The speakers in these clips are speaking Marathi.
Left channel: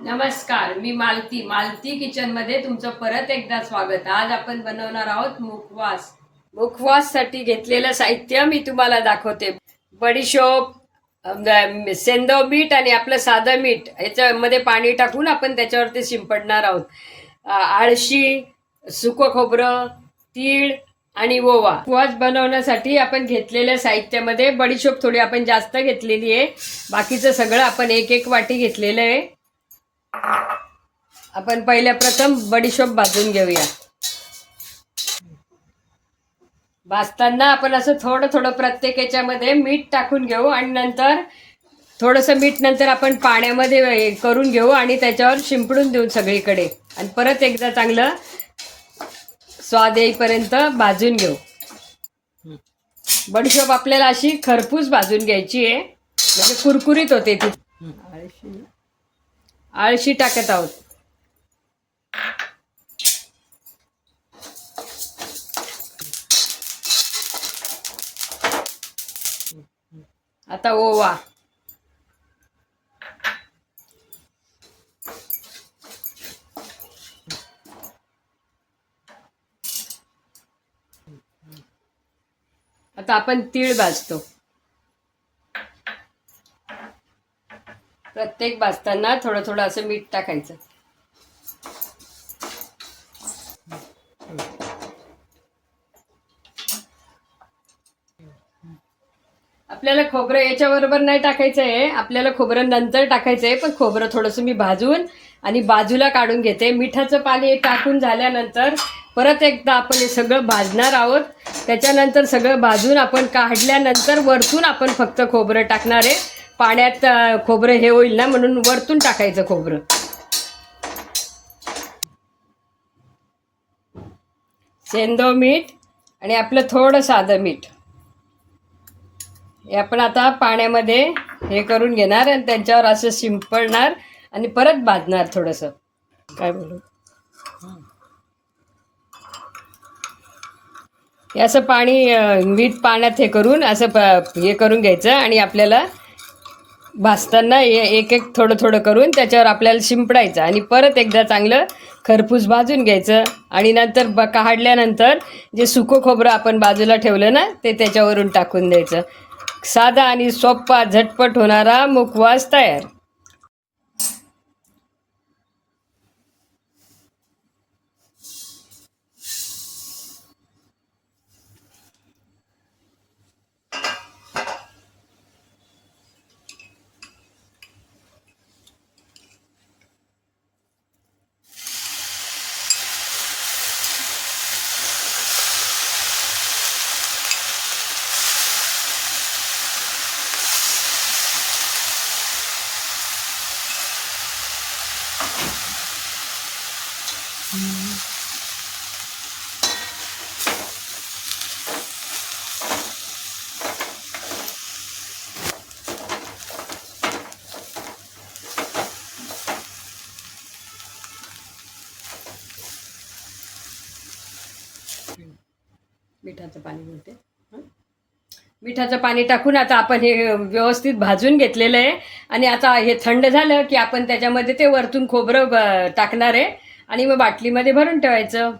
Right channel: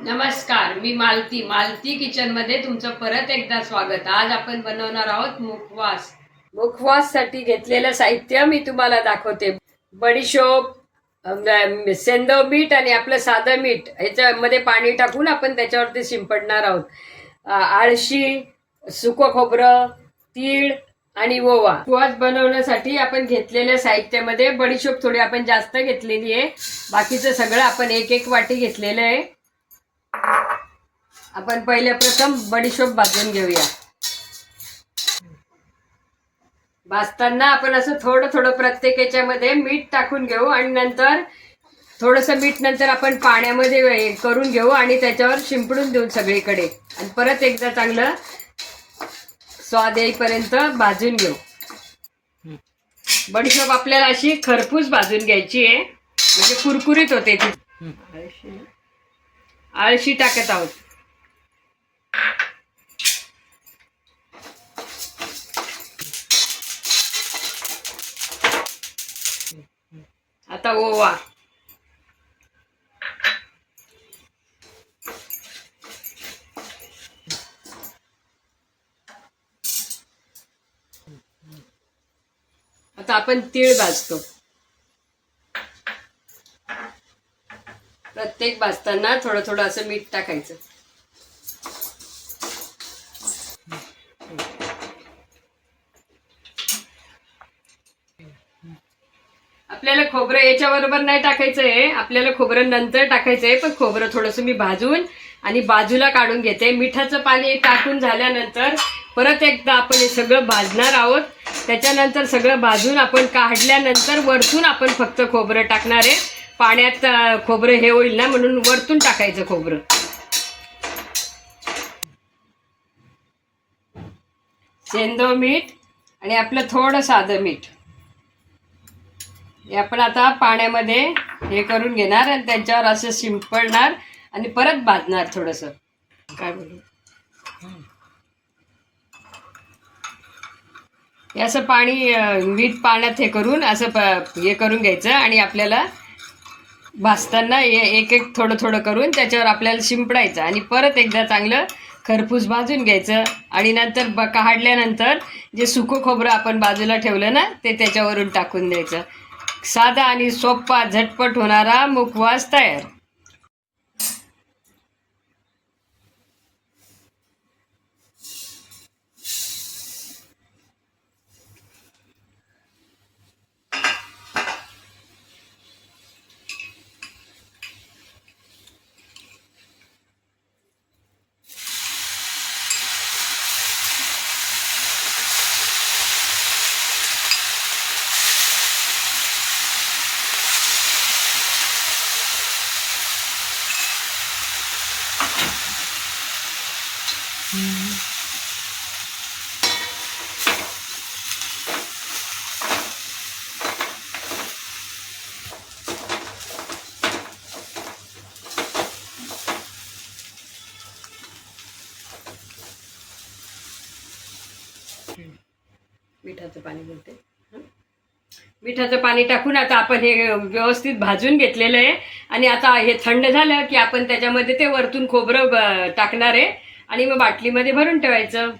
नमस्कार मी मालती. मालती किचनमध्ये तुमचं परत एकदा स्वागत. आज आपण बनवणार आहोत मुखवास. मुखवाससाठी घेतलेलं साहित्य मी तुम्हाला दाखवते. बडीशोप सेंदव मीठ आणि आपलं साधं मीठ ह्याच्यामध्ये पाणी टाकून आपण त्याच्यावरती शिंपडणार आहोत. आळशी सुकं खोबरं तीळ आणि ओवा. उपवास बनवण्यासाठी आपण घेतलेल्या साहित्यामध्ये बडीशोप थोडी आपण जास्त घेतलेली आहे. बाकीचं सगळं आपण एक एक वाटी घेतलेलं आहे. आपण पहिल्या प्रथम बडीशोप भाजून घेऊया. भाजताना आपण असं थोडं थोडं प्रत्येक याच्यामध्ये मीठ टाकून घेऊ आणि नंतर थोडंसं मीठ नंतर आपण पाण्यामध्ये करून घेऊ आणि त्याच्यावर शिंपडून देऊ सगळीकडे. आणि परत एकदा चांगलं स्वाद येईपर्यंत भाजून घेऊ. बडीशोप आपल्याला अशी खरपूस भाजून घ्यायची आहे. म्हणजे कुरकुरीत होते ती. आळशी आळशी टाकत आहोत. आता ओवा. आता आपण तीळ भाजतो. प्रत्येक भाजताना थोडं थोडं असं मीठ टाकायचं. आपल्याला खोबरं याच्याबरोबर नाही टाकायचं आहे आपल्याला खोबरं नंतर टाकायचं आहे पण खोबरं थोडंसं मी भाजून आणि बाजूला काढून घेते. मिठाचं पाणी टाकून झाल्यानंतर परत एकदा आपण हे सगळं भाजणार आहोत. त्याच्यानंतर सगळं भाजून आपण काढल्यानंतर वरतून आपण फक्त खोबरं टाकणार आहे. पाण्यात खोबरं हे होईल ना म्हणून वरतून टाकायचं खोबरं. सेंदव मीठ आणि आपलं थोडं साधं मीठ. हे आपण आता पाण्यामध्ये हे करून घेणार आणि त्यांच्यावर असं शिंपडणार आणि परत भाजणार थोडंसं. काय बोलू? असं पाणी मीठ पाण्यात हे करून असं प हे करून घ्यायचं आणि आपल्याला भाजताना एक एक थोडं थोडं करून त्याच्यावर आपल्याला शिंपडायचं आणि परत एकदा चांगलं खरपूस भाजून घ्यायचं आणि नंतर ब काढल्यानंतर जे सुकं खोबरं आपण बाजूला ठेवलं ना ते त्याच्यावरून टाकून द्यायचं. साधा आणि सोपा झटपट होणारा मुखवास तयार. मिठाचं पाणी बोलते मिठाचं पाणी टाकून आता आपण हे व्यवस्थित भाजून घेतलेलं आहे. आणि आता हे थंड झालं की आपण त्याच्यामध्ये ते वरतून खोबरं टाकणार आहे. आणि मग बाटलीमध्ये भरून ठेवायचं.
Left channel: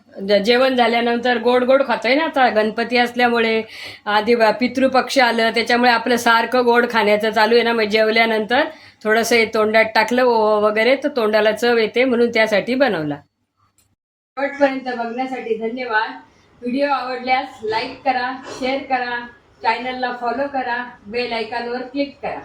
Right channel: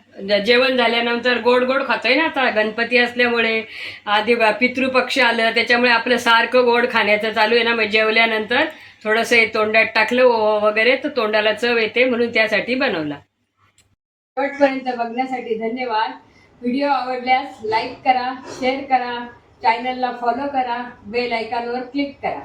जेवण झाल्यानंतर गोड गोड खातोय ना आता गणपती असल्यामुळे. आधी पितृपक्ष आलं त्याच्यामुळे आपलं सारखं गोड खाण्याचं चालू आहे ना मग जेवल्यानंतर थोडंसं हे तोंडात टाकलं वगैरे तर तोंडाला चव येते म्हणून त्यासाठी बनवला. शेवटपर्यंत बघण्यासाठी धन्यवाद. व्हिडिओ आवडल्यास लाईक करा शेअर करा. चॅनलला फॉलो करा बेल आयकॉनवर क्लिक करा.